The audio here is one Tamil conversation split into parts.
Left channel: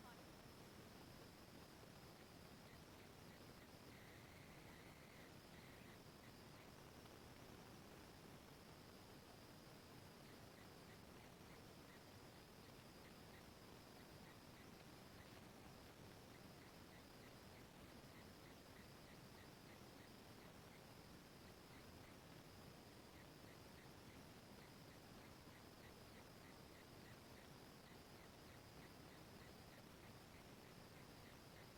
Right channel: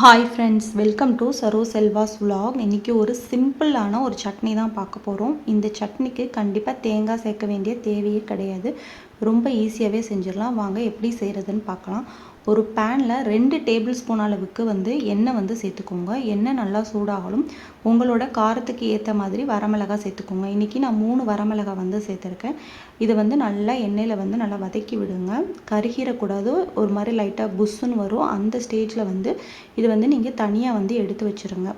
Hi friends, welcome to Saro Selva's vlog. இன்றைக்கி ஒரு சிம்பிளான ஒரு சட்னி தான் பார்க்க போகிறோம். இந்த சட்னிக்கு கண்டிப்பாக தேங்காய் சேர்க்க வேண்டிய தேவையே கிடையாது. ரொம்ப ஈஸியாகவே செஞ்சிடலாம். வாங்க எப்படி செய்கிறதுன்னு பார்க்கலாம். ஒரு பேனில் 2 டேபிள் ஸ்பூன் அளவுக்கு எண்ணெய் சேர்த்துக்கோங்க. எண்ணெய் நல்லா சூடாகலும் உங்களோட காரத்துக்கு ஏற்ற மாதிரி வரமிளகாய் சேர்த்துக்கோங்க. இன்றைக்கி நான் 3 வரமிளகாய் சேர்த்துருக்கேன். இதை நல்லா எண்ணெயில் நல்லா வதக்கி விடுங்க. கருகிடக்கூடாது. ஒரு மாதிரி லைட்டாக புஷ்ஷுன்னு வரும். அந்த ஸ்டேஜில் இது நீங்கள் தனியாக எடுத்து வச்சுருங்க.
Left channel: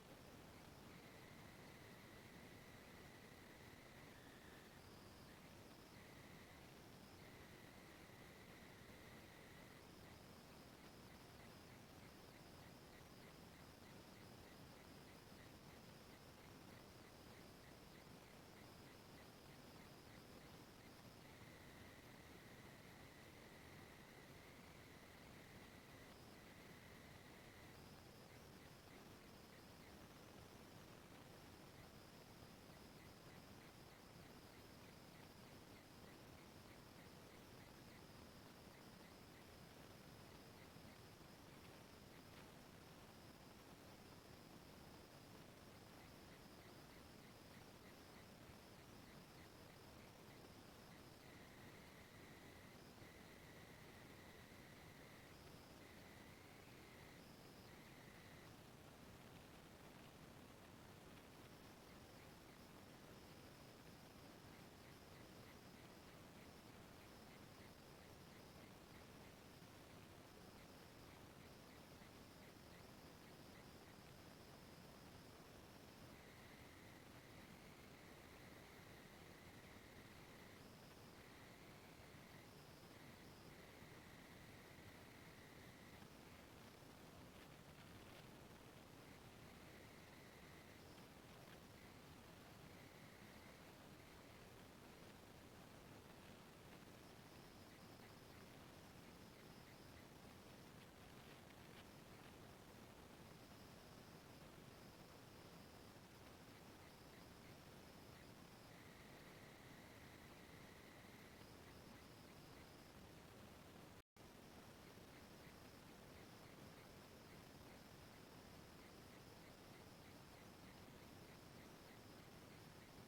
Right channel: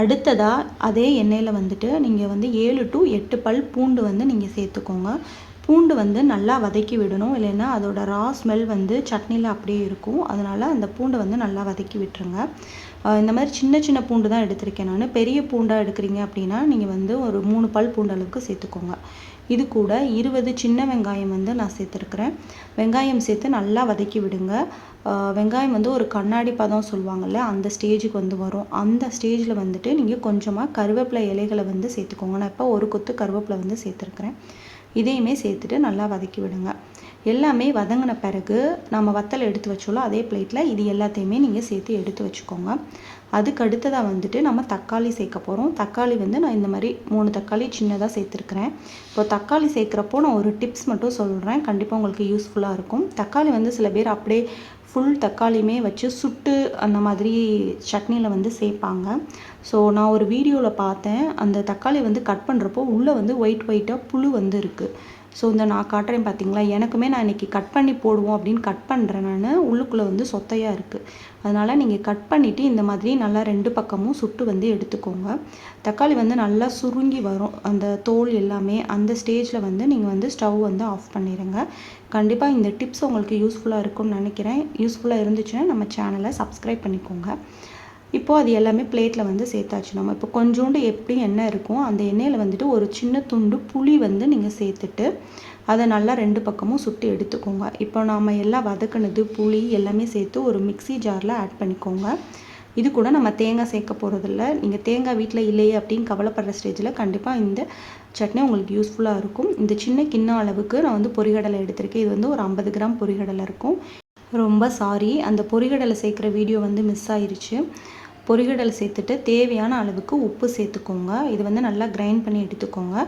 அடுத்ததாக அதே எண்ணெயில் நீங்கள் 7 to 8 பல் பூண்டு நீங்கள் சேர்த்துக்கோங்க. பூண்டு நல்லா வதக்கி விடணும். இல்லைன்னா அதோட ரா ஸ்மெல் சட்னியில் அப்படியே இருக்கும். அதனால் அந்த பூண்டை நல்லா வதக்கி விட்டுருங்க. இந்த மாதிரி சின்ன சின்ன பூண்டு தான் எடுத்திருக்கேன் நான். பெரிய பூண்டாக எடுக்கிறீங்க அப்படின்னா நீங்கள் ஒரு 3 பல் பூண்டு அளவுக்கு சேர்த்துக்கோங்க. இது கூட 20 சின்ன வெங்காயம் நான் சேர்த்துருக்குறேன். வெங்காயம் சேர்த்து நல்லா வதக்கி விடுங்க. வெங்காயம் ஒரு கண்ணாடி பதம் சொல்லுவாங்கள்ல, அந்த ஸ்டேஜுக்கு வரும். அந்த ஸ்டேஜில் நீங்கள் கொஞ்சமாக கருவேப்பிலை இலைகளை சேர்த்துக்கோங்க. நான் இப்போ ஒரு கொத்து கருவேப்பிலை சேர்த்துருக்குறேன். இதையுமே சேர்த்துட்டு நல்லா வதக்கி விடுங்க. எல்லாமே வதங்கின பிறகு நம்ம வத்தல் எடுத்து வச்சோம்ல, அதே பிளேட்டில் இது எல்லாத்தையுமே நீங்கள் சேர்த்து எடுத்து வச்சுக்கோங்க. அதுக்கு அடுத்ததாக நம்ம தக்காளி சேர்க்க போகிறோம். தக்காளி நான் இந்த மாதிரி 3 தக்காளி சின்னதாக சேர்த்துருக்குறேன். இப்போ தக்காளி சேர்க்குறப்போ நான் ஒரு டிப்ஸ் மட்டும் சொல்கிறேன், கண்டிப்பாக உங்களுக்கு யூஸ்ஃபுல்லாக இருக்கும். தக்காளி சில பேர் அப்படியே ஃபுல் தக்காளியுமே வச்சு சுட்டு அந்த மாதிரி சட்னியில் சேர்ப்பாங்க. ஸோ நான் ஒரு வீடியோவில் பார்த்தேன். அந்த தக்காளி கட் பண்ணுறப்போ உள்ளே ஒயிட்டாக புழு இருக்குது. ஸோ நான் காட்டுறேன் பார்த்தீங்களா, எனக்குமே நான் இன்றைக்கி கட் பண்ணி போடுவோம் அப்படின்னு கட் பண்ணுறேன். நான் உள்ளுக்குள்ளே சொத்தையாக இருக்குது. அதனால் நீங்கள் கட் பண்ணிவிட்டு இந்த மாதிரி நல்லா 2 பக்கமும் சுட்டு எடுத்துக்கோங்க. தக்காளி நல்லா சுருங்கி வரும், அந்த தோல் எல்லாமே. அந்த ஸ்டேஜில் நீங்கள் ஸ்டவ் ஆஃப் பண்ணிடுங்க. கண்டிப்பாக இந்த டிப்ஸ் உங்களுக்கு யூஸ்ஃபுல்லாக இருக்கும்னு நினைக்கிறேன். யூஸ்ஃபுல்லாக இருந்துச்சுன்னா நம்ம சேனலை சப்ஸ்கிரைப் பண்ணிக்கோங்க. இப்போது அது எல்லாமே பிளேட்டில் சேர்த்தாச்சு. நம்ம இப்போ கொஞ்சோண்டு எப்படி எண்ணெய் இருக்கும், அந்த எண்ணெயில் ஒரு சின்ன துண்டு புளி நீங்கள் சேர்த்துட்டு அதை நல்லா 2 பக்கமும் சுட்டு எடுத்துக்கோங்க. இப்போ நாம் எல்லாம் வதக்குனது புளி எல்லாமே சேர்த்து ஒரு மிக்ஸி ஜாரில் ஆட் பண்ணிக்கோங்க. இது கூட நம்ம தேங்காய் சேர்க்க போகிறதில்ல. நீங்கள் தேங்காய் வீட்டில் இல்லையே அப்படின்னு கவலைப்படுற ஸ்டேஜில் கண்டிப்பாக இந்த சட்னி உங்களுக்கு யூஸ்ஃபுல்லாக இருக்கும். இந்த சின்ன கிண்ணம் அளவுக்கு நான் பொரிகடலை எடுத்திருக்கேன். இது ஒரு 50 கிராம் பொரிகடலை இருக்கும். ரொம்ப சாரி, அந்த பொரிகடலை சேர்க்குற வீடியோ மிஸ் ஆயிடுச்சு. பொரிகடலை சேர்த்துட்டு தேவையான அளவுக்கு உப்பு சேர்த்துக்கோங்க. இது நல்லா கிரைண்ட் பண்ணி எடுத்துக்கோங்க.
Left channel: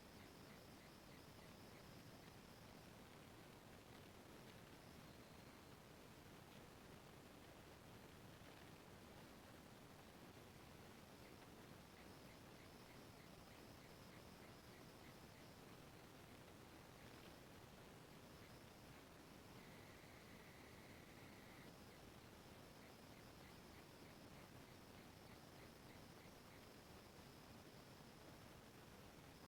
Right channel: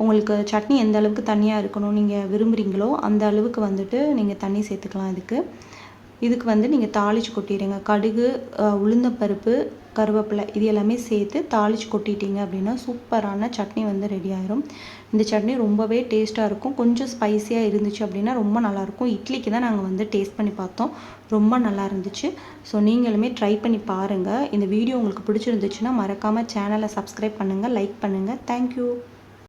உங்களுக்கு சட்னி எந்த அளவுக்கு தண்ணியாக இருக்கணும் நீங்கள் விரும்புகிறீங்களோ அந்த அளவுக்கு நீங்கள் தண்ணி சேர்த்துக்கலாம். இதுக்கு நீங்கள் தாளித்து கொட்டிடுங்க. கடுகு, உளுந்தம்பருப்பு, கருவேப்பிலை இது எல்லாமே சேர்த்து தாளித்து கொட்டிட்டீங்க அப்படின்னா சூப்பரான சட்னி ரெடி ஆயிரும். இந்த சட்னி ரொம்பவே டேஸ்ட்டாக இருக்கும். கொஞ்சம் ஸ்பைஸியாக இருந்துச்சு அப்படின்னா ரொம்ப நல்லாயிருக்கும். இட்லிக்கு தான் நாங்கள் டேஸ்ட் பண்ணி பார்த்தோம், ரொம்ப நல்லா இருந்துச்சு. ஸோ நீங்களுமே ட்ரை பண்ணி பாருங்கள். இந்த வீடியோ உங்களுக்கு பிடிச்சிருந்துச்சுன்னா மறக்காமல் சேனலை சப்ஸ்கிரைப் பண்ணுங்கள், லைக் பண்ணுங்கள். தேங்க்யூ.